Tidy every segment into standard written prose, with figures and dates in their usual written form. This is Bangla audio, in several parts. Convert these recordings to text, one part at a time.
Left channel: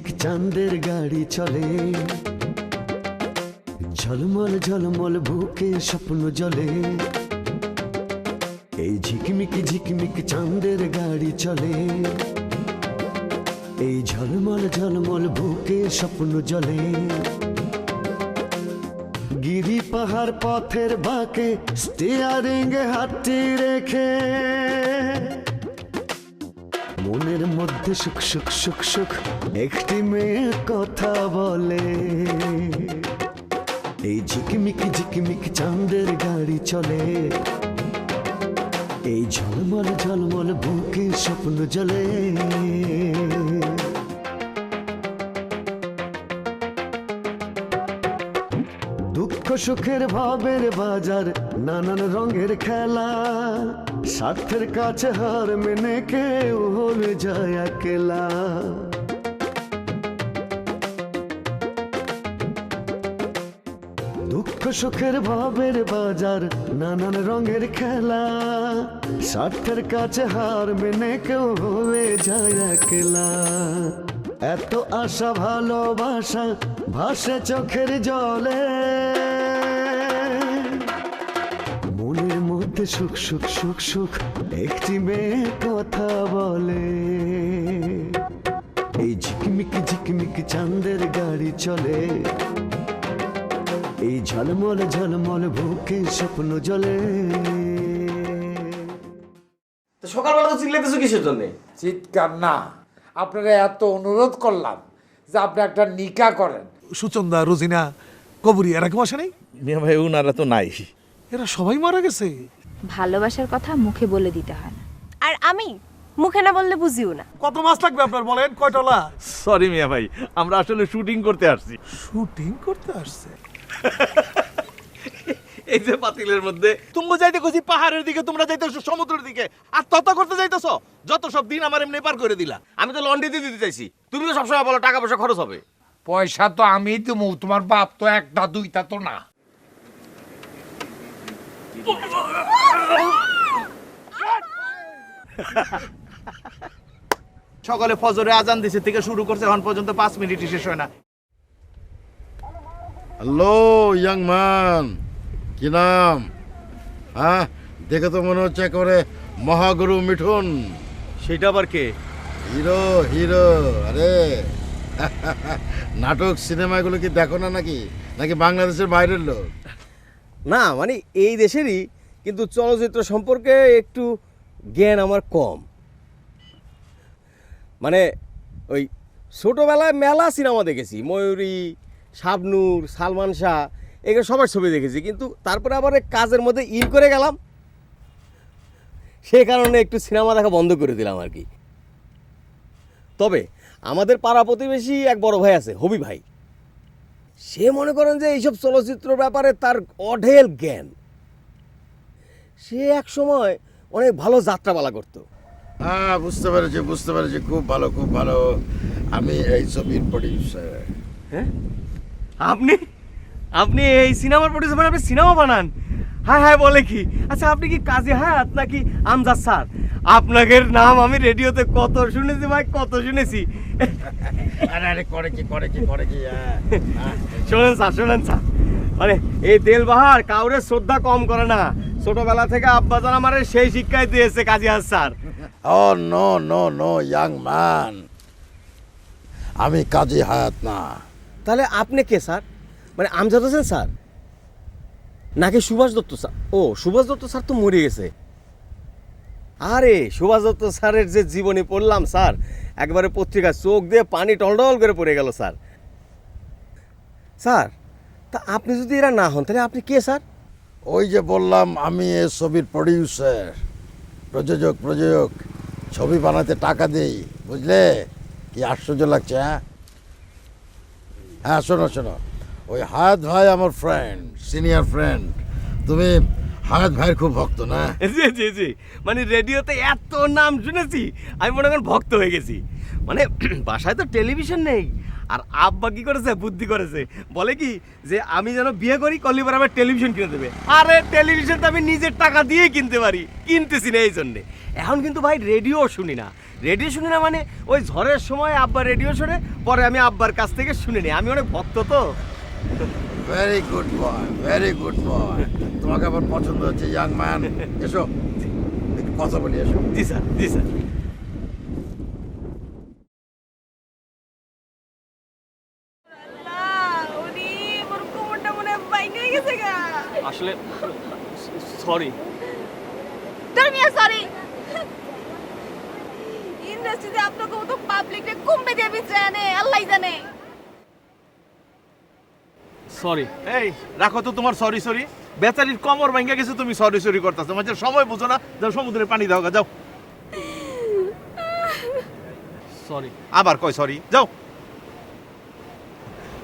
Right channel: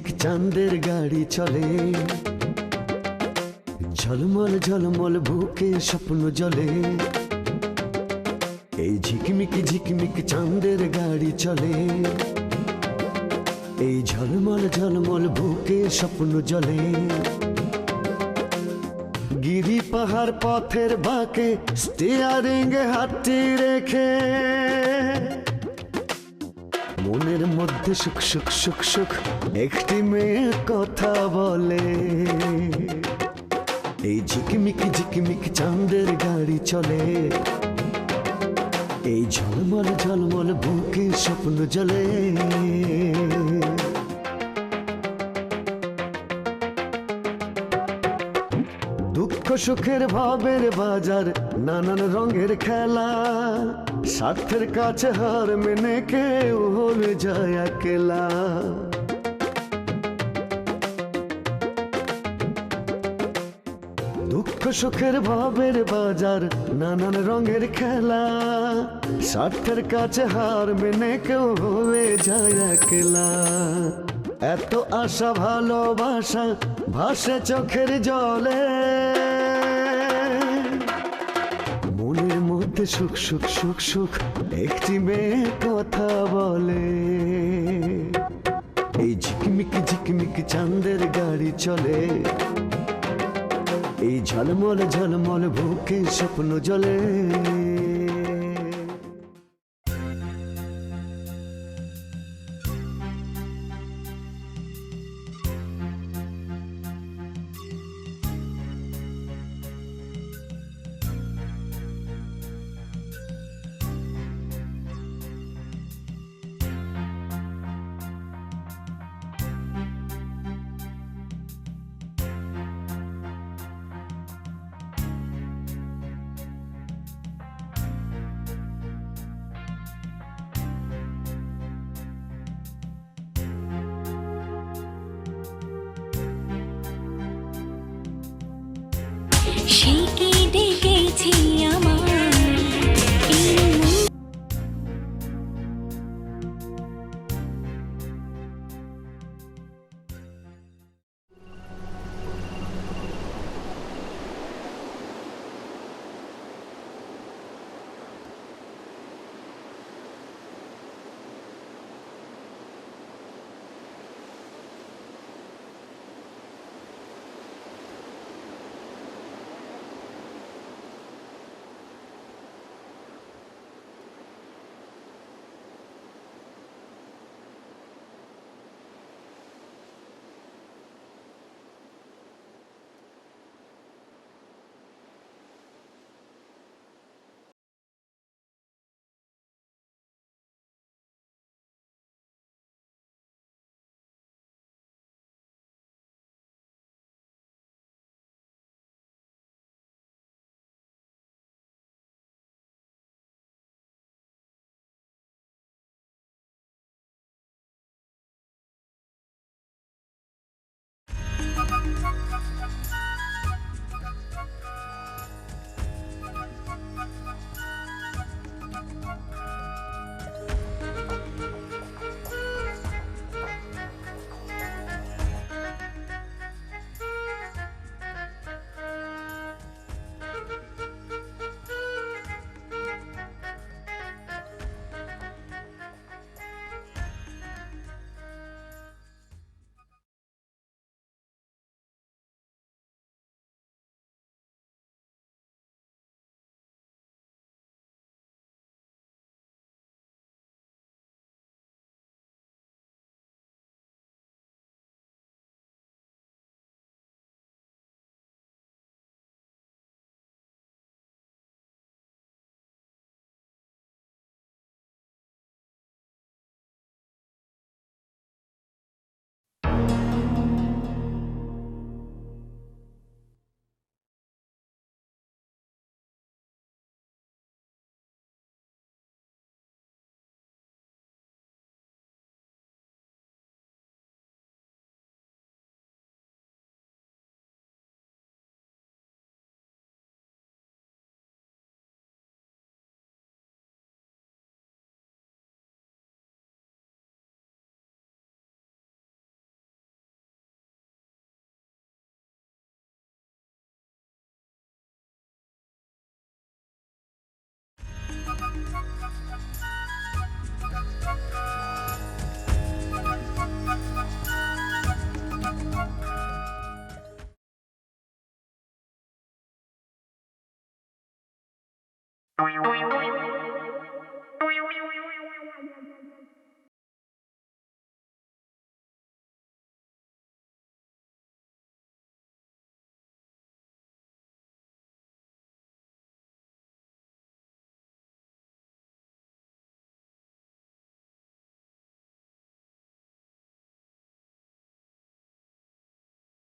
ঝিকমিক চাঁদের গাড়ি চলে, ঝলমল ঝলমল বুকে স্বপ্ন জলে। এই ঝিকমিক ঝিকমিক চাঁদের গাড়ি চলে, এই ঝলমল ঝলমল বুকে স্বপ্ন জলে। গিরি পাহাড় পথের বাঁকে স্টিয়ারিং হাতটি রেখে মনের মধ্যে সুখ সুখ সুখ সুখ একটি মেয়ে কথা বলে। এই ঝিকমিক ঝিকমিক চাঁদের গাড়ি চলে, এই ঝলমল ঝলমল বুকে স্বপ্ন জলে। দুঃখ সুখের ভাবের বাজার, নানান রঙের খেলা, স্বার্থের কাছে হার মেনে কেউ হয়ে যায় একলা। দুঃখ সুখের ভাবের বাজার, নানান রঙের খেলা, স্বার্থের কাছে হার মেনে কেউ হয়ে যায় একলা। এত আশা ভালোবাসা ভাসে চোখের জলে, মনের মধ্যে সুখ সুখ সুখ সুখ একটি মেয়ে কথা বলে। এই ঝিকমিক ঝিকমিক চাঁদের গাড়ি চলে, এই ঝলমল ঝলমল বুকে স্বপ্ন জলে। সকালবেলা তো চিল্লাইতেছো কিসের জন্য? চিৎকার না, আপনারা এত অনুরোধ করলাম যে আপনি একটা নিকা করেন। সুচন্দা, রোজিনা, কবরী এরা কেউ আসে নাই? মিয়া ভাই উনারা তো নাই। এরা সবাই মারা গেছে। ভালোবাসার কথা মুখে বলে দিতে হয় না। আর আমি মুখে না বললে বুঝিও না। কত মাছ লাগবে আপনার বলেন? কয়টলা? সরি মিয়া ভাই, আমরা আসলে শুটিং করতে আসছি। শুটিং করতে আসছে? এই যে পাতিলের মধ্যে তুমি যাইতে কইছি পাহাড়ের দিকে, তোমরা যাইতেছো সমুদ্রের দিকে, আর তত করতে যাইতেছো। যত সব দিন আমার এমনি পার করে দিলা। আমি তো লন্ড্রি দিতে চাইছি, তুমি তো সবসময় বলো টাকা পয়সা খরচ হবে। পয়সা তো আমি দেবো, তোমার বাপ তো একটা দুইটা তো না। সকালে ফজরে আজান দিছে থেকে শুরু করছে, এখন পর্যন্ত 5 মিনিটই শেষ হয় না। হ্যালো ইয়াং ম্যান, কি নাম? হ্যাঁ, দেখে তো মনে হচ্ছে করে মহাগুরু মিঠুন। সেটা আবার কে? Hero hero. আরে নাটক সিনেমাগুলো কি দেখো না নাকি? নাকি বাংলাদেশের বাইরের লোক? না মানে এই দেশেরই, কিন্তু চলচ্চিত্র সম্পর্কে একটু জ্ঞান আমার কম। মানে ওই ছোটোবেলায় মেলা সিনেমা দেখেছি, ময়ূরী, শাবনূর, সালমান শাহ, এগুলো সবার ছবি দেখেছি, কিন্তু তারপরে আবার কাজের মধ্যে ইন করে গেলাম, সে কারণে একটু সিনেমা দেখা বন্ধ করে দিলাম আর কি। তবে আমাদের পাড়া প্রতিবেশী এক বড় ভাই আছে, হবি ভাই। সে মনে করেন যে এইসব চলচ্চিত্র ব্যাপারে তার অঢেল জ্ঞান। সে এক সময় অনেক ভালো যাত্রাপালা করতো। হ্যাঁ, বুঝতে পেরেছি বুঝতে পেরেছি, খুব ভালো খুব ভালো। আমি এই ছবির প্রডিউসার। আপনি আপনি এই সিনেমার প্রডিউসার, মানে আপনি সিনেমা বানান? হ্যাঁ হ্যাঁ, বলে কি? আচ্ছা, আপনি কি কাজী হায়াত নাকি আমজাদ স্যার? আপনাদের নাম আমি রেডিওতে কত শুনেছি ভাই, কত শুনেছি। আরে আরে, করে কি করে কি করে কি? শোনেন স্যার, মানে এই তেলবাহার কাউরে শ্রদ্ধা কম করে না। ছোটবেলা থেকে আব্বাজান আমার সেই শিক্ষাই দিয়েছে Kazi Hayat sir. Oh no no no young man, আমি কাজী হায়াত না। তাহলে আপনি কে স্যার? মানে আমজাদ হোসেন স্যার নাকি সুভাষ দত্ত স্যার? ও, সুভাষ দত্ত স্যার তো মরে গেছে। আরে সুভাষ দত্ত স্যারের যে জীবনী পড়লাম স্যার, একবারে পত্রিকা চোখ দিয়ে পানি টলটল করে পড়ে গেল স্যার। স্যার, তা আপনি যদি এরা না হন তাহলে আপনি কে স্যার? ওই যে বললাম, আমি এই ছবির প্রডিউসার, প্রযোজক। ছবি বানাতে টাকা দেই, বুঝলে? কি আশ্চর্য লাগছে? হ্যাঁ শোনো শোনো, ওই হায়াত ভাই আমার ফ্রেন্ড, সিনিয়র ফ্রেন্ড। তুমি হায়াত ভাইয়ের খুব ভক্ত না? জি জি জি, মানে রেডিওতে এত নাম শুনেছি, আমি মনে করেন ভক্ত হয়ে গেছি। মানে বাসায় তো টেলিভিশন নেই, আর আব্বা কি করেছে, বুদ্ধি করেছে, বলে কি যে আমি যেন বিয়ে করি, করলে পরে আমার টেলিভিশন কিনে দেবে। আরে টেলিভিশনটা আমি নিজের টাকা দিয়ে কিনতে পারি, কিনতেছি না এই জন্যে। এখন কিন্তু ভাই রেডিও শুনি না, রেডিও শুনি না মানে ওই ঝড়ের সময় আব্বা রেডিও শোনে, পরে আমি আব্বার কাছ থেকে শুনে নিই। আমি অনেক ভক্ত তো। Very good boy, very good boy. তোমাকে আমার পছন্দ হচ্ছে ইয়াং ম্যান। এসো একটু কথা বলি, এসো। জি স্যার, জি স্যার। আসলে সরি। সরি ইন্ডাস্ট্রিতে আপনাকে তো পাবলিককে কমবে দিয়ে বিছানে আল্লাহই জানে। সরি। এই রাখো তো তোমার সরি সরি। বেচারির কমর ভাঙ্গা গেছে, তুমি সরি সরি করতেছো। তোমার সময় বুঝো না, যাও সমুদ্রে পানি দাও গা, যাও। সরি। আবার কয় সরি, যাও।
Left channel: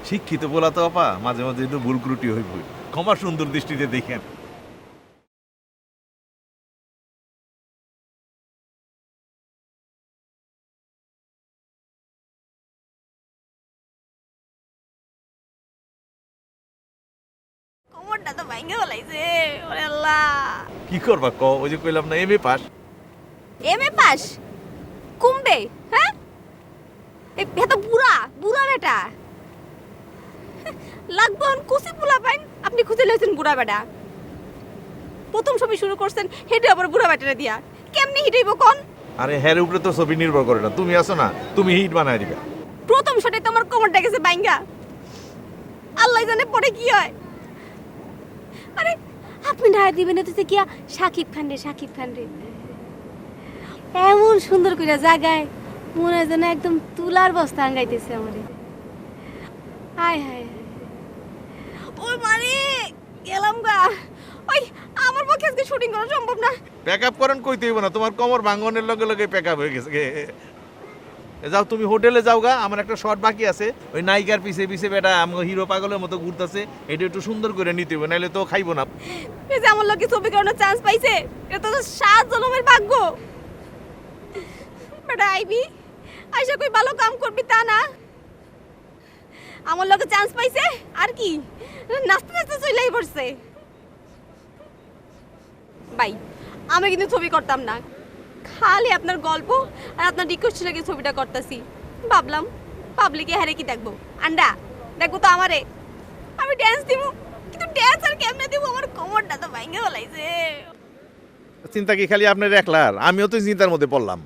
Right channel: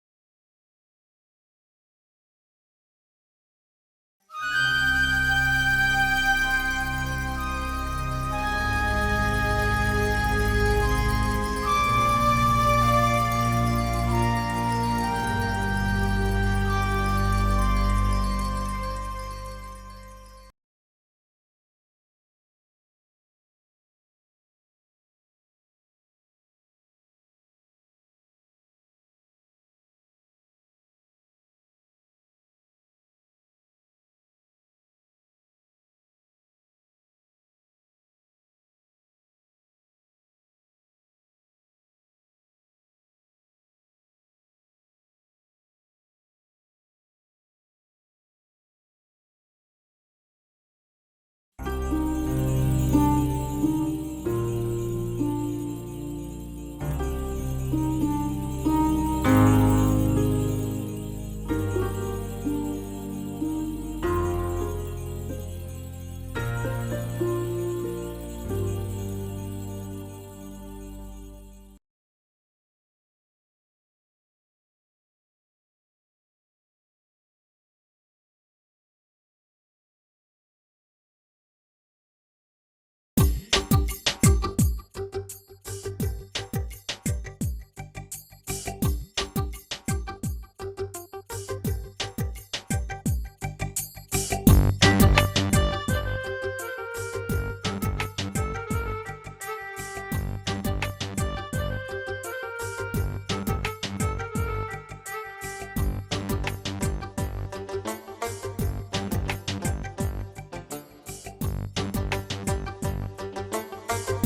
শিক্ষিত বলা তো আপা মাঝে মাঝে একটু ভুল ত্রুটি হইব, ক্ষমা সুন্দর দৃষ্টিতে দেখেন। কোমরটা তো ভাঙে গলাইছে ওরে আল্লাহ। কি করবা ক? ওই যে কইলাম না এমএ পাস। এমএ পাস কমবে? হ্যাঁ এত বুড়া বুড়া বেটা লাগবো কুচি বুলা পাইন। আপনি খুঁজে লইছেন বুড়া বেটা, প্রথম ছবি শুরু করছেন হেঁটে আবার বুড়া বেটারে দিয়া, কেমনি হিটাইব কোন? আরে হ্যার উপরে তো ছবি নির্ভর করে না, তুমি আছো না, তুমি হিট বানায় দিবে। প্রথম শটে তো আমার কোমরটা গেছে বাইঙ্গা, আল্লাহ জানে পরে কি হয়। আরে আপনি ঢায়া দিবেন তো কিয়া সাকিব খান রে, সাকিব খান রে এমন সুন্দর করে জায়গায় মনে হয় যেন একদম তুলার বস্তা আঙ্গাইতেছে আমারে। হায় হায় ওই মানে গেলাম গা। ওই আমার পক্ষে আজকে শুটিং করা সম্ভব না। প্যাকআপ করেন কইতে হইব না, তোমার কমর ভাঙনের লগে লগে প্যাকআপ হয়ে গেছে। যাও তুমি হোটেলে যাও গা, আমার একটা শট বাকি আছে। ওই নায়িকার পিছে পিছে বেটা আমার হিরো পাগলের মতো ঘুরতেছে, এটা একটু সুন্দর করে নিতে হবে, নাহলে তো খাইবো না। এই যে আমার লোকে ছবি করানোর চান্স পাইছে, এটা তো 7 জনমের ভাগ্য। বেটা আইবি আইসা কই ভালো কাম করবি তা না, আমার লোকে চান্স পাইছে আর কি নাচতে নাচতে চলেই পড়ছে। ভাই আমি কিন্তু ছবি করতাম না, খালি আপনার গল্প আর আপনার রিকোয়েস্ট লেগে ছবিটা করতেছি। ভাবলাম পাবলিকে হারে কি দেখবো, আন্ডা দেখবো তো আমারে, আমি ড্যান্স দিব। কিন্তু ড্যান্স আর কেমনে দিব, আমার কোমরটা তো ভাঙে গলাইছে। চিন্তা কি খালি আপনার একলার? আমিও তো চিন্তার মধ্যে পড়লাম।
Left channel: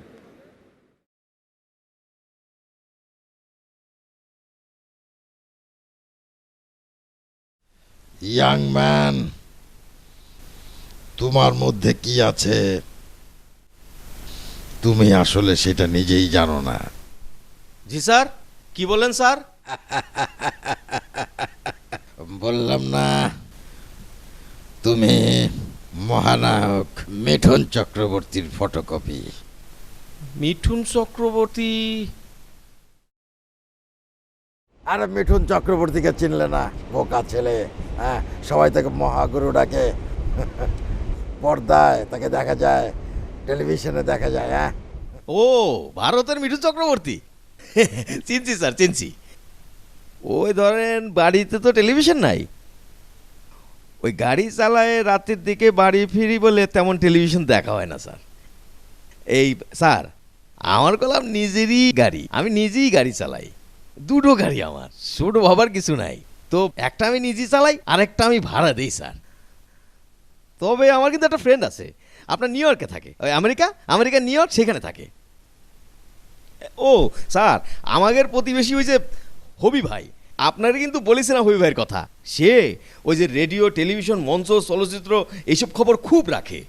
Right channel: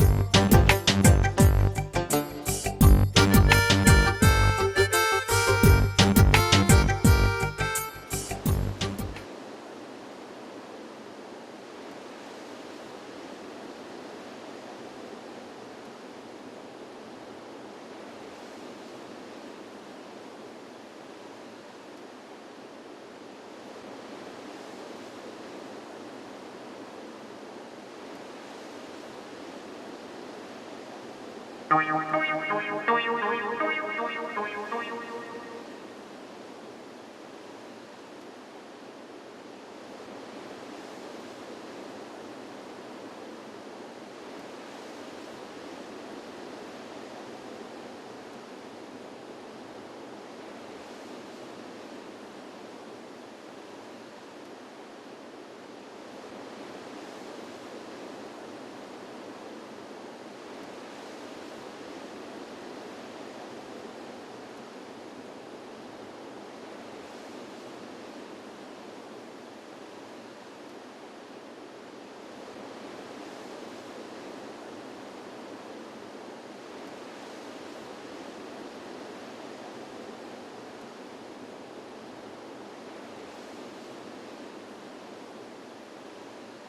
ইয়াং ম্যান, তোমার মধ্যে কি আছে তুমি আসলে সেটা নিজেই জানো না। জি স্যার, কি বলেন স্যার? বললাম না তুমি মহানায়ক মিঠুন চক্রবর্তীর ফটোকপি। মিঠুন চক্রবর্তী? আরে মিঠুন চক্রবর্তীকে চিনলে না? বোকা ছেলে, হ্যাঁ সবাই তাকে মহাগুরু ডাকে। পর্দায় তাকে দেখা যায়, টেলিভিশনে দেখা যায়। হ্যাঁ ও ভারতের মিঠুন চক্রবর্তী, চিনছি স্যার চিনছি। ওই ধরেন বাড়িতে তো টেলিভিশন নাই, ওই গাড়ি চালায় রাতের দিকে বাড়ি ফিরি বলে তেমন টেলিভিশন দেখা হয় না স্যার। এই স্যার আমার কলাম নিজেরই গাড়ি, আমি নিজেই গাড়ি চালাই, দুটো গাড়ি আমার, ছোট ভাবার কিছু নাই। তো একটা আমি নিজেই চালাই, আরেকটা আমি ভাড়া দিই স্যার। তবে আমার কিন্তু একটা ফ্রেন্ড আছে, আপনার নিউ ইয়র্কে থাকে, ওই আমেরিকা নিউ ইয়র্ক, সেখানে থাকে। ও স্যার আমাদের প্রতিবেশী ওই যে হবি ভাই, আপনারা কিন্তু বলেছেন হবি ভাইয়ের কথা, সে ওই যে রেডিও টেলিভিশন মঞ্চ চলচ্চিত্র এইসব খবর খুব রাখে।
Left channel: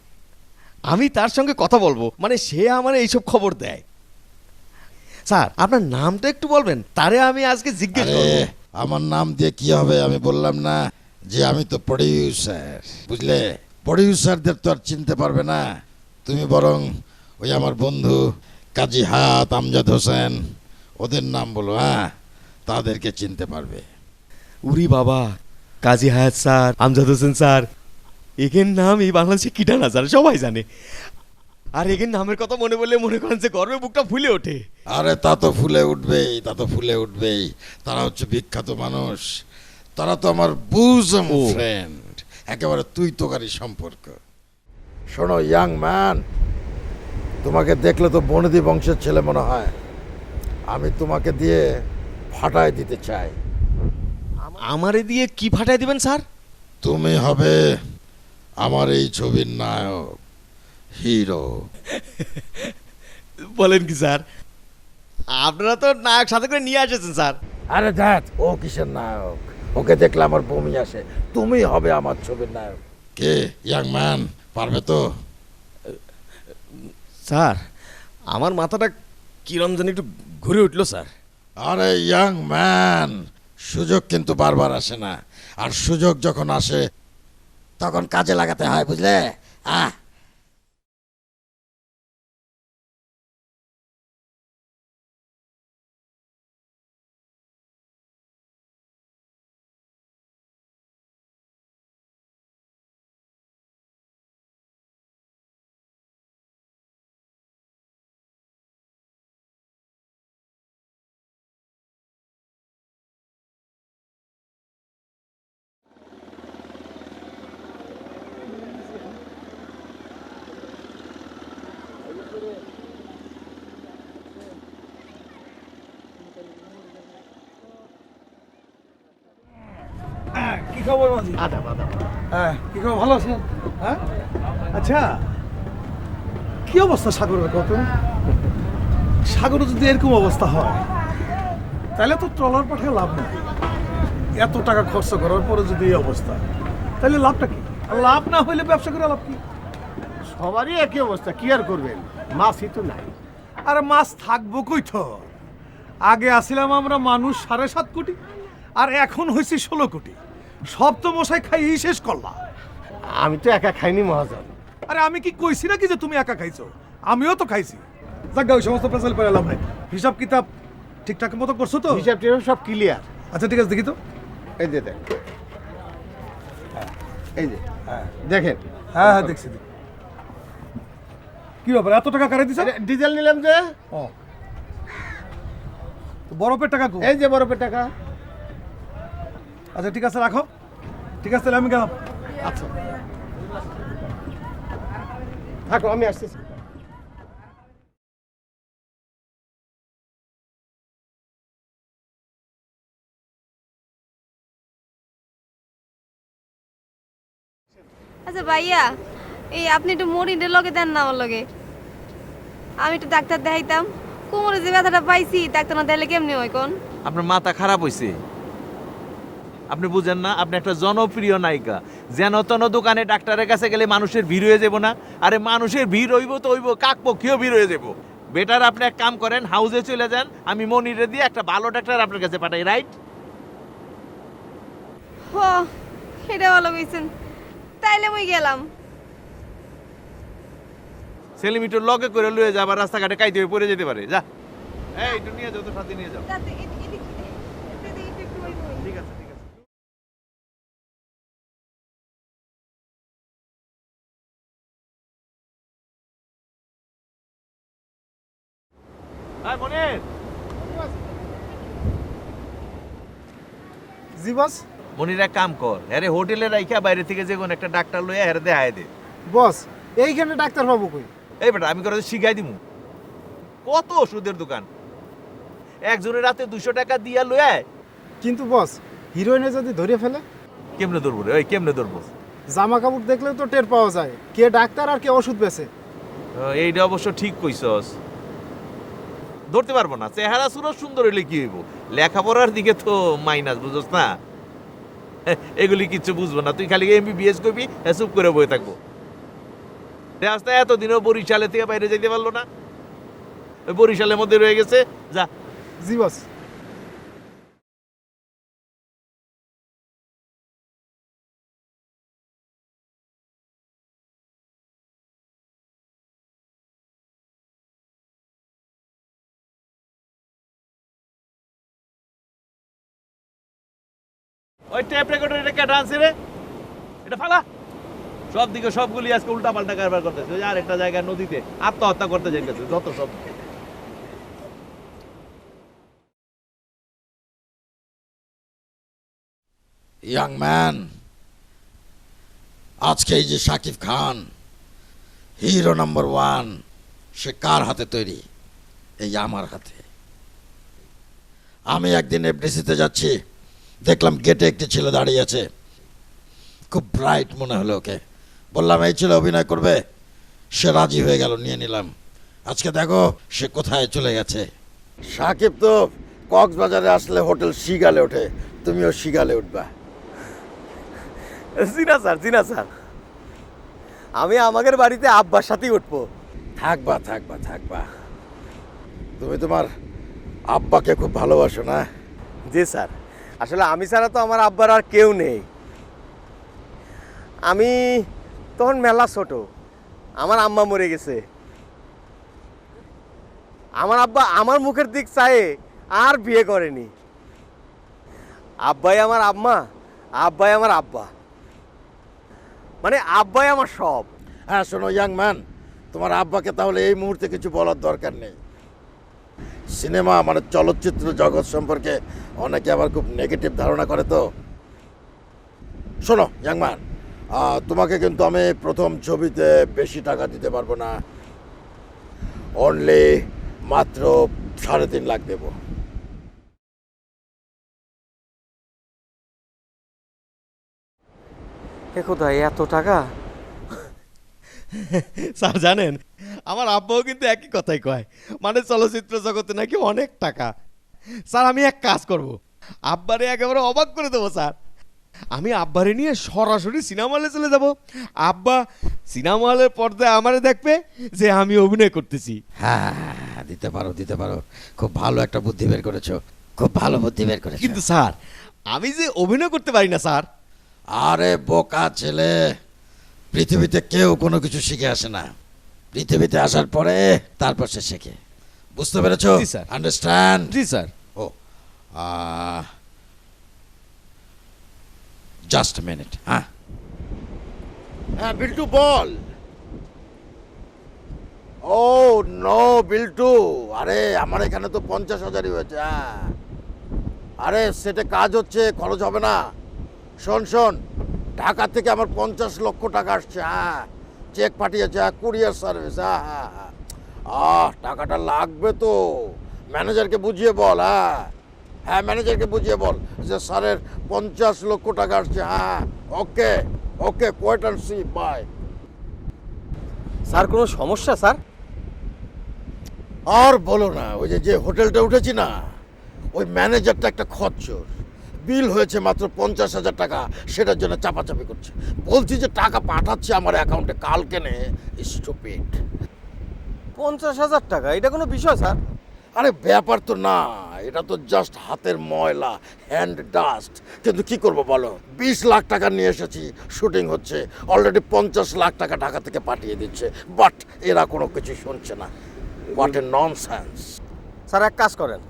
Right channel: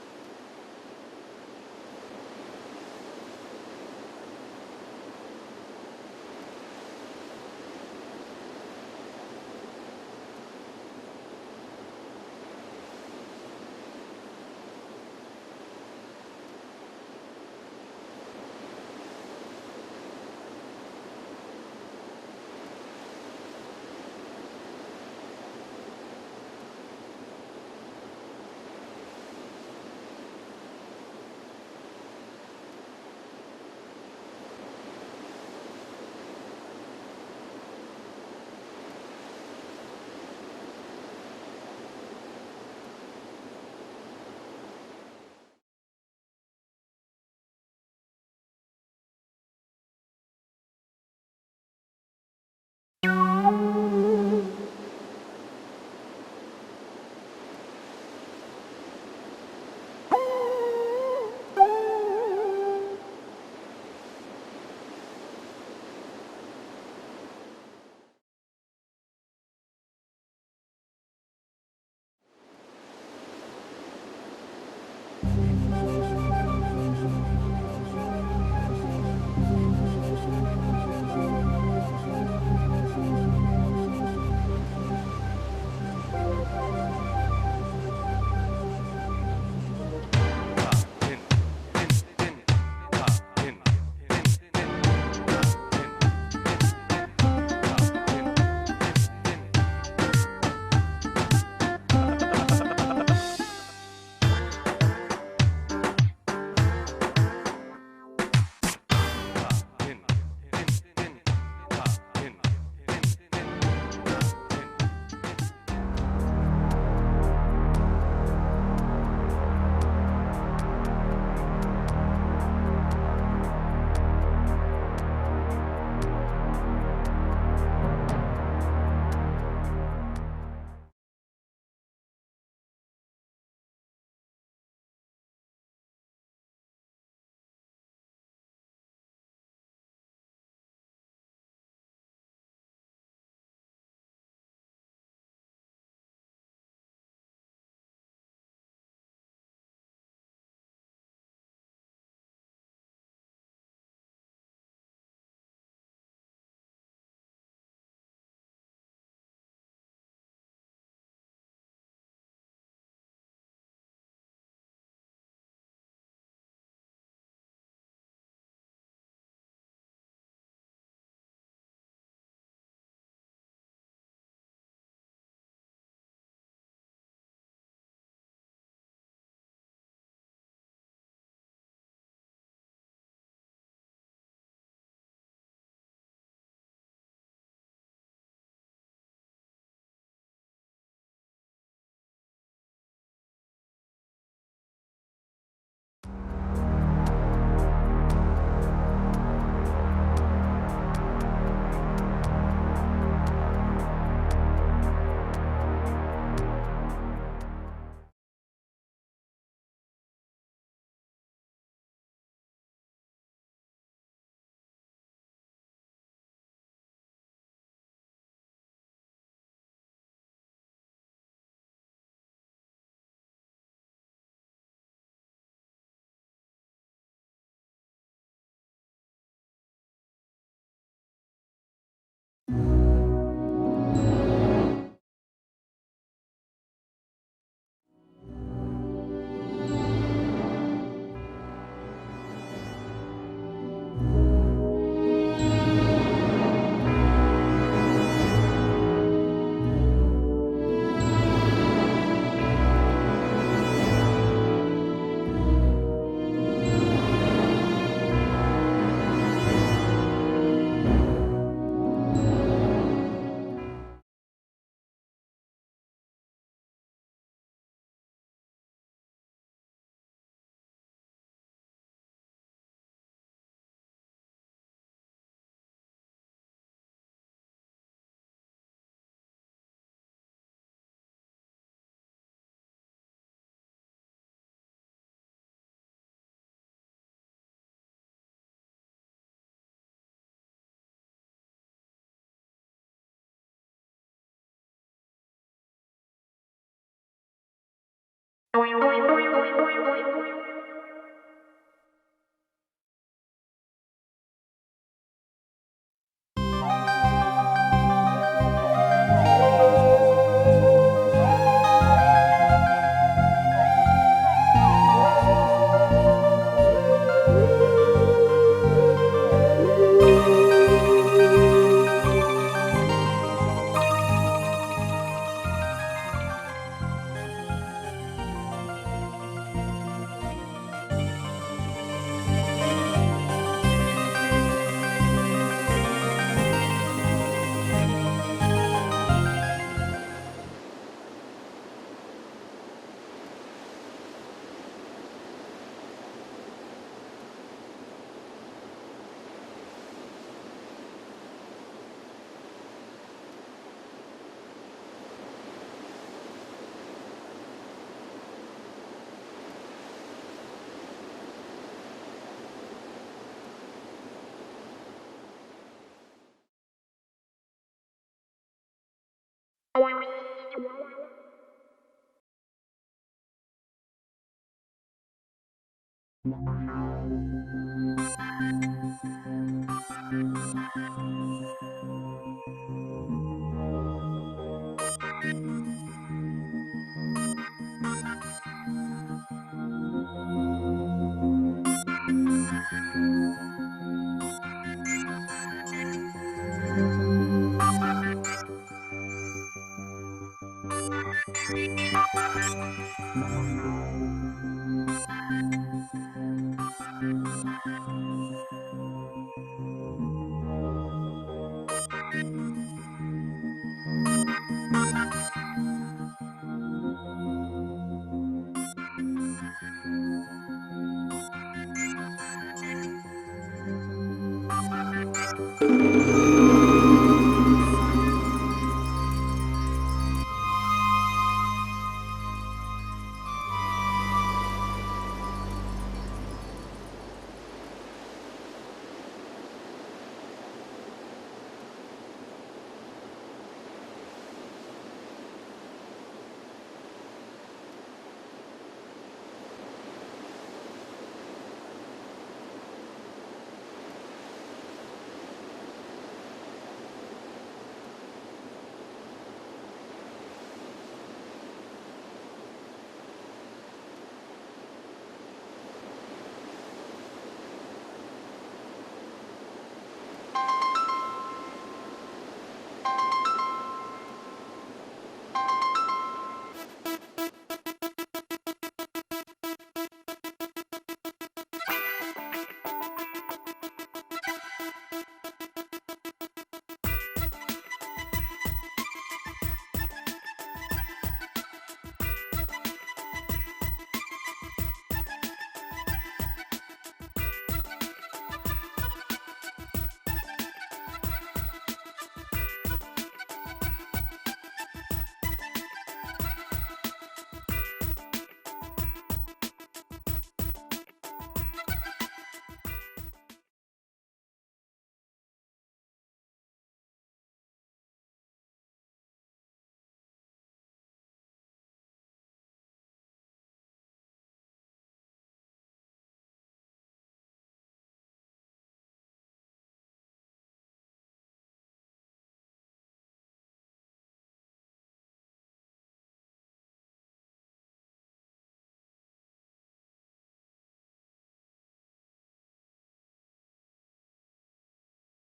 আমি তার সঙ্গে কথা বলবো, মানে সে আমার এইসব খবর দেয়। স্যার আপনার নামটা একটু বলবেন, তারে আমি আজকে জিজ্ঞেস করব। আমার নাম দিয়ে কি হবে? আমি বললাম না যে আমি তো প্রডিউসার, বুঝলে? প্রডিউসারদের তো আর চিনতে পারবে না তুমি, বরং ওই আমার বন্ধু কাজী হায়াত, আমজাদ হোসেন, ওদের নাম বলো। হ্যাঁ তাদেরকে চিনতে পারবে। উরি বাবা, কাজী হায়াত স্যার, আমজাদ হোসেন স্যার, এখান নাম এই বাংলাদেশে কিটা না স্যার, সবাই জানে। আর এগের নামের কথা মনে পড়লে মনে করেন যে গর্বে বুকটা ফুলে ওঠে। আরে তা তো ফুলে উঠবেই, তা তো ফুলে উঠবেই। তারা হচ্ছে বিখ্যাত মানুষ, তারা তো আমার বুজম ফ্রেন্ড, একেবারে তুই তোকারি সম্পর্ক। শোনো ইয়াং ম্যান, তোমাকে দেখলে তো বনেদি বংশের ছেলে মনে হয়। আমি তোমাকে দিয়ে ফাটায় দিতে চাই। আমারে দিয়ে কি ফাটাই দিবেন স্যার? তুমি হবে আমার এই ছবির নায়ক, হিরো। বলেন কি স্যার? আপনারা তো নায়ক সাথে করে নিয়ে এসেছেন স্যার। আরে দেখ, ও কিসের নায়ক? ওকে দেখলে আমার বমি আসে। তুমি হবে আমার ছবির নায়ক। কে ইয়াং ম্যান, পারবে তো? স্যার আমার মাথাটা কিরম জানি একটু ঘুরে উঠলো স্যার। আরে ইয়াং ম্যান, সুযোগ কিন্তু বারবার আসে না, আর সুযোগ যখন আসে তখন কাজে লাগাতে হয়, বুঝলে? আহ কি খবর মাঝি? হ্যাঁ, কি খবর, ভালো আছেন? হ্যাঁ, আচ্ছা, কি অবস্থা সাগরের কত? সাগরে যদি এরকম অবস্থা হয় তাহলে তো ট্রলার পাঠায় লাভ নেই। এত টাকা খরচ করার পরে যদি এই অবস্থা, তাহলে লাভটা কি? আর লাভ না হইলে ব্যবসা করে লাভ কি? সবারই একই অবস্থা, কি আর করবেন, মাছই তো নাই। আর মাছ থাকবো কই তো? আগে আসিলাম আমরা মানুষ 7.5 কোটি, আর এখন হয়েছি 16 কোটি। সব তো মশাই খাইয়েই শেষ করলাম। আমি তো একা খাইনি মহাজন। আরে আমি কি কইছি নাকি যে তুমি একা খাইছো? আমিও তো খাইছি। যাক, ওই সমস্ত পেছাল করে লাভ নাই। হিসাব কিতাব ঠিকঠাক মতো করছো তো? হিসাব টিসাব সব ক্লিয়ার। আচ্ছা ঠিক আছে, দেখি তো। এই যে দেখ, এই যে দেখেন। হ্যাঁ হ্যাঁ, দেখছি দেখছি। কি ব্যাপার, এত টাকা কারে দিছ? আরে, ডিজেল নিলাম যে। ও, তো বরফের টাকা কো? এই যে বরফের টাকা। আচ্ছা ঠিক আছে, রাখো। ঠিক আছে, তাহলে আমি গেলাম। আচ্ছা থাকো, আমি আসতেছি। আচ্ছা ভাইয়া, এই আপনি একটু মরিনের লগে দেন না আমার লগে। আমি একটু ডাক্তার দেখাইতাম। কোমরে যে ব্যথাটা পাইছি, ডাক্তার না দেখলে কেমনি হয় কোন? আপনার মাথা খারাপ হয়েছে। আপনি বুঝেন না, আপনি একটা জনপ্রিয় নায়িকা। যেন তেন দোকানে ডাক্তারের কাছে গেলে মানুষের ভিড় হয়ে যাব না? আরে মানুষের ভিড় হইব তো হইব, কাকপক্ষীয় ভিড় হয়ে যাব। বেটার আপনি এক কাম করেন, হাউসে চলে যান, আমি মনিরে দিয়ে একটা ভালো ডাক্তার আপনার কাছে পাঠাই, রাইট? হ, এটা ভালো কইছেন। তাইলে মুই গেলাম। সেলিমিটার লগে করে লয়ে যাবার রাস্তাঘাটে কাইতে হয়ে পড়ে যেতে পারে। যা, এই তুমি নিয়ে যাও, সাথে নিয়ে যাও। আয় মনির। জি বস। মনির এক কাম কর, আরে হোটেলে রাইখা বাইরে থেকে যে কোন একটা ডাক্তার লইয়া হেরে দেখায় দে। বস, এইখানে ডাক্তার পাবো কই? এই বেটা, আমি করে শিখাই দিমু। কত ওষুধের দোকান, একজনের রাতে 200 টাকা দিয়া লইয়া। কিন্তু বস, হিরোইনে যদি ধরে ফেলে? কেমনে ধরবো রে? ওই কেমনে ধরবো? জামা কাপড় দেখলেও তো টের পাওয়া যায় কে ডাক্তার আর কে ওষুধ বেচে। এইটা অবশ্য ঠিক কইছস, ধরতে পারবো না। চেহারা সুরত সুন্দর হইলে কি হইব, লেখাপড়ার দিকে তো মাইনাস, বুঝছস না? এগুলি কিচ্ছু বুঝবো না, তুই খালি MBBS করবি, চুপ করে বই থাকবি। রাস্তা এতদিনও বরিশালে থেকে বাইরে যেতে পারলো না, ওই বরিশালের মধ্যে রয়ে গেছে। যা। জি বস। ওই ট্যাপ রেকর্ডার এটা কে ডান্সে রে? এটা ফালা। সব দিকে সবগুলি আজকে উল্টা পাল্টা কারবার করতেছে। ওই আর একটা জায়গায় নদীতে আত্মহত্যা করতে যাইতেছে, যত সব। ইয়াং ম্যান, আজকে এই যে শাকিব খান হিরো নাম্বার 1, সে কার হাতে তৈরি? এই আমার হাতে। আমি একদিন এফডিসিতে যাচ্ছি, দেখলাম গেটে একটি ছেলে দাঁড়িয়ে আছে, খুব ব্রাইট মনে হলো ওকে। বললাম এই ছেলে অভিনয় করবে, সে রাজি হয়ে গেল, নিয়ে নিলাম। আজকে দেখো সে কোথায় চলে গেছে। সাকিব তো কক্সবাজারে আসলে হোটেল শিগালে ওঠে, তুমিও শিগালে উঠবা। জি না স্যার, জি না স্যার, আমি আমাদের বাড়িতে আব্বার সাথেই উঠবো। থাকবা থাকবা থাকবা। তুমি তোমার আব্বাকে খুব ভালোবাসো না? জি স্যার, আসলে আমি ছাড়া তো আমার আব্বার আর কেউ নেই। আমি তখন মেলা ছোট, আমার আম্মা মরে গেছে। আমার আব্বা আমার মুখের দিক চায়ে আর বিয়ে করেনি। আব্বাই আমার আম্মা, আব্বাই আমার আব্বা, মানে আব্বাই আমার সব। হ্যাঁ শোনো ইয়াং ম্যান, তোমার আব্বাকে তাহলে এই মুহূর্তে কিছু বলার দরকার নেই। সিনেমা মানে চলচ্চিত্র জগৎ সম্পর্কে অনেকে আবার খুব নেগেটিভ ধারণা করে। তো শোনো ইয়াং ম্যান, তোমাকে কিন্তু আমি প্রথম ছবিতে বেশি টাকা দিতে পারবো না, অনলি মাত্র 3.5 লাখ দেবো। কোথায় এত টাকা? স্যার জানেন, আমার আব্বাও কিন্তু একই কথাই কয়, মানে চলচ্চিত্র জগতে নাকি অনেক টাকা। স্যার আমি এক কাজ করব, আব্বারে একেবারে অবাক করে দেবো স্যার। আমি আব্বারে নিয়ে সরাসরি সিনেমা হলে চলে যাব। আব্বা সিনেমা হলের পর্দায় আমারে দেখবে যে আমি অভিনয় করতেছি। হ্যাঁ দিতে পারো দিতে পারো, খুব ভালো একটা বুদ্ধি বের করেছো, খুব ভালো বুদ্ধি বের করেছো। কিন্তু স্যার আমি যে অভিনয় করতে পারি না স্যার। আরে বোকা ছেলে, পৃথিবীতে কেউ কোনো কিছু শিখে আসে না, পৃথিবীতে আসার পরে তারপর সে শেখে। বুঝতে পেরেছো? জি স্যার। আন্ডারস্ট্যান্ড? জি স্যার। ও জাস্ট মিনিট। হ্যাঁ হ্যাঁ বিল্টু বল। ও নো বিল্টু, আরে আমার এখানে তো 50,000ই হয়েছে। হ্যাঁ আরে সেটা কাজ হচ্ছে, খরচ হবে না। শোন শোন, ঢাকা থেকে আমার 50 লক্ষ টাকা আসছে। হ্যাঁ চেক পাঠিয়েছে, কুরিয়ার সার্ভিস। হ্যাঁ টাকাটা লাগবে তো, ম্যানেজারকে বুঝিয়ে বল। হ্যাঁ হ্যাঁ ম্যানেজারকে বুঝিয়ে বল যে স্যারের 50 লক্ষ টাকা আসছে। হ্যাঁ okay okay, quiet and see, bye. Sir কোনো সমস্যা স্যার? আর বলো না, ওই যে হোটেলটা উঠেছি না, ওই ম্যানেজারটা একটা খচ্চর। বিল হয়েছে মাত্র 50,000 টাকা, সেটার জন্য চাপাচাপি করছে। বলছি যে টাকা পাঠাচ্ছে আমার অ্যাকাউন্টে কালকে নে। স্টুপিড। 50,000 টাকা এটা কোনো বিষয় স্যার? আরে ব্যাপার তো না, এটা তো জাস্ট হাতের ময়লা, হ্যান্ড ডাস্ট। কিন্তু কি করব বলো, 20 লাখ টাকা নিয়ে এসেছি, শুটিং হচ্ছে, অলরেডি 50 লাখ টাকা ঢাকা থেকে পাঠিয়ে দিচ্ছে, বাট এরা কোনো কিছু শুনছে না। What a nonsense. স্যার এক কাজ করেন,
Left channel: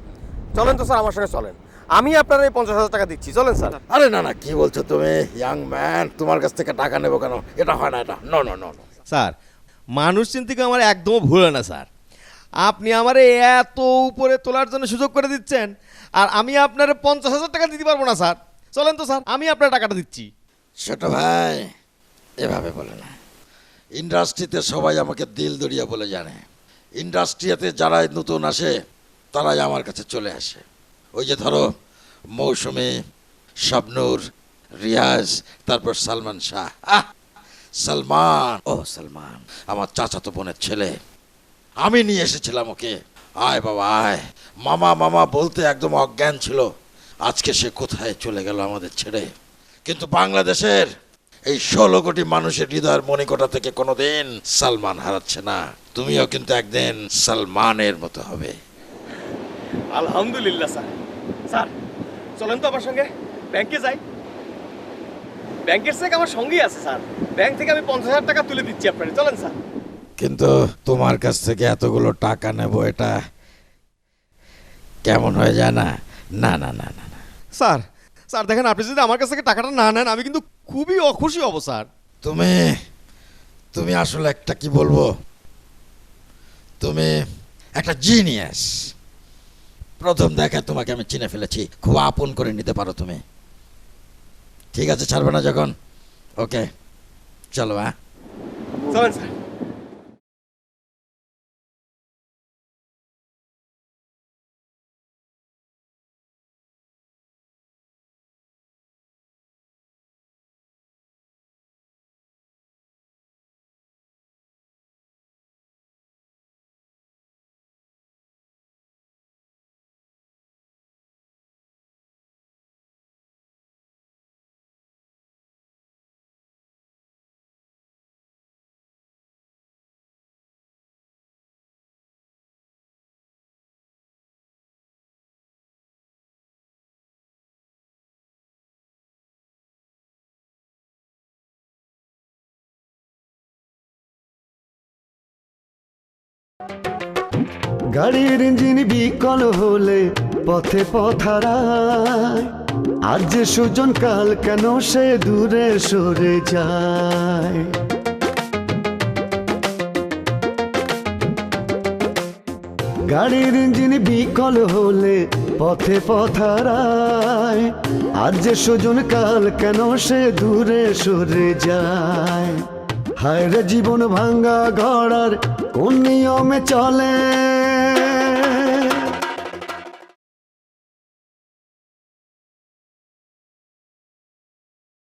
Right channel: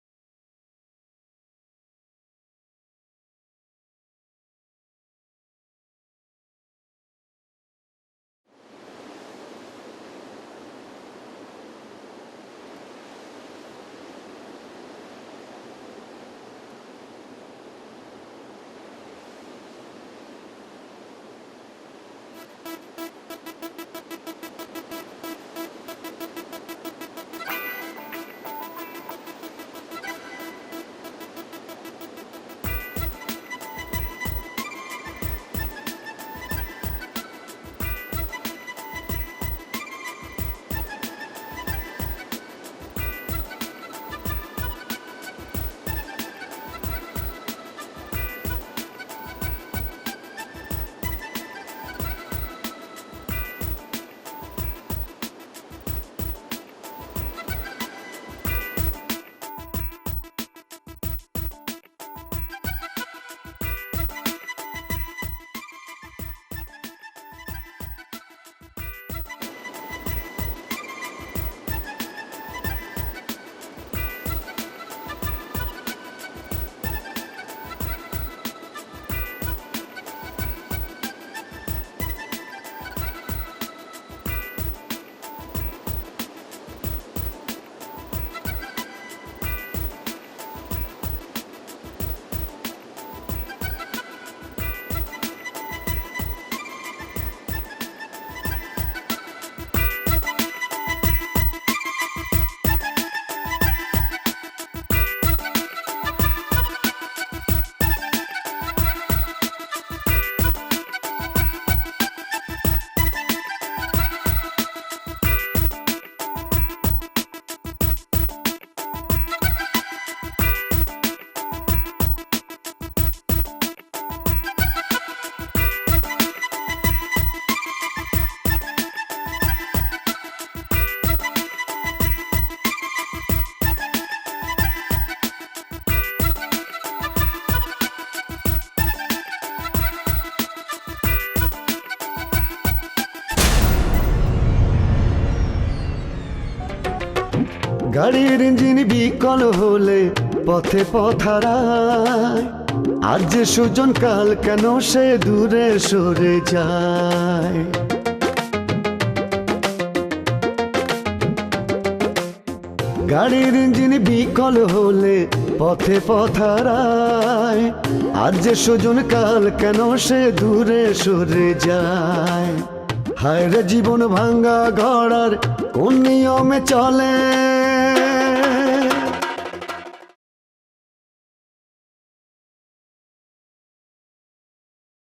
চলেন তো স্যার আমার সঙ্গে চলেন, আমি আপনার এই 50,000 টাকা দিচ্ছি, চলেন স্যার। আরে না না, কি বলছো তুমি ইয়াং ম্যান, তোমার কাছ থেকে টাকা নেবো কেন? এটা হয় না, এটা নো নো নো। স্যার মানুষ চিন্তিকে আমার একদমও ভুল হয় না স্যার। আপনি আমারে এত উপরে তোলার জন্য সুযোগ করে দিচ্ছেন, আর আমি আপনার 50,000 টাকা দিতে পারবো না স্যার। চলেন তো স্যার, আমি আপনার টাকাটা দিচ্ছি। ছোট ভাই এভাবে বলে না, ইন্ডাস্ট্রিতে সবাই আমাকে দিল দরিয়া বলে জানে। ইন্ডাস্ট্রিতে যারা নতুন আসে তারাই আমার কাছে চলে আসে। ওই যে ধরো মৌসুমী, শাবনূর, রিয়াজ, তারপর সালমান শাহ। সালমান, ও সালমান আমার চাচাতো বোনের ছেলে, আমি নিয়ে এসেছিলাম ওকে। আয় বাবা আয়, মামা মামা বলতে একদম অজ্ঞান ছিল। আজকে সে কোথায় চলে গেল আমাদের ছেড়ে। কিন্তু বাংলাদেশের এই 16 কোটি মানুষের হৃদয়ের মণিকোঠা থেকে কোনোদিন সালমান হারাচ্ছে না। তুমিও কিন্তু একদিন সালমানের মতো হবে। আলহামদুলিল্লাহ স্যার। স্যার চলেন তো আমার সঙ্গে ব্যাংকে যাই, ব্যাংকের চেক আমার সঙ্গেই আছে স্যার, ব্যাংক থেকে আমি 50,000 টাকা তুলে দিচ্ছি আপনাকে, চলেন স্যার। কিন্তু তোমার কাছ থেকে এতগুলো টাকা নেব, এটা কেমন হয়ে যায় না? না না না না। স্যার স্যার দেখেন, আপনি যদি আমার কাছ থেকে টাকাটা না নেন আমি কিন্তু খুবই অখুশি হব স্যার। তুমি তুমি আসলে একটা কি বলবো, তুমি একটা জিনিয়াস। প্রথম দেখা তোমাকে আমি চিনে ফেলেছি, খুব আপন করে নিতে পারো তুমি। ঠিক আছে, ছাড়বে না যখন? ওকে, চলো। হ্যাঁ, চলেন স্যার। গাড়ির ইঞ্জিন বিকল হলে পথে পথারায়, আজ যে সুজন কাল কেন সে দূরে সরে যায়। গাড়ির ইঞ্জিন বিকল হলে পথে পথারায়, আজ যে সুজন কাল কেন সে দূরে সরে যায়। হায় রে জীবন ভাঙ্গা ঘোড়ার কোন নিয়মে চলে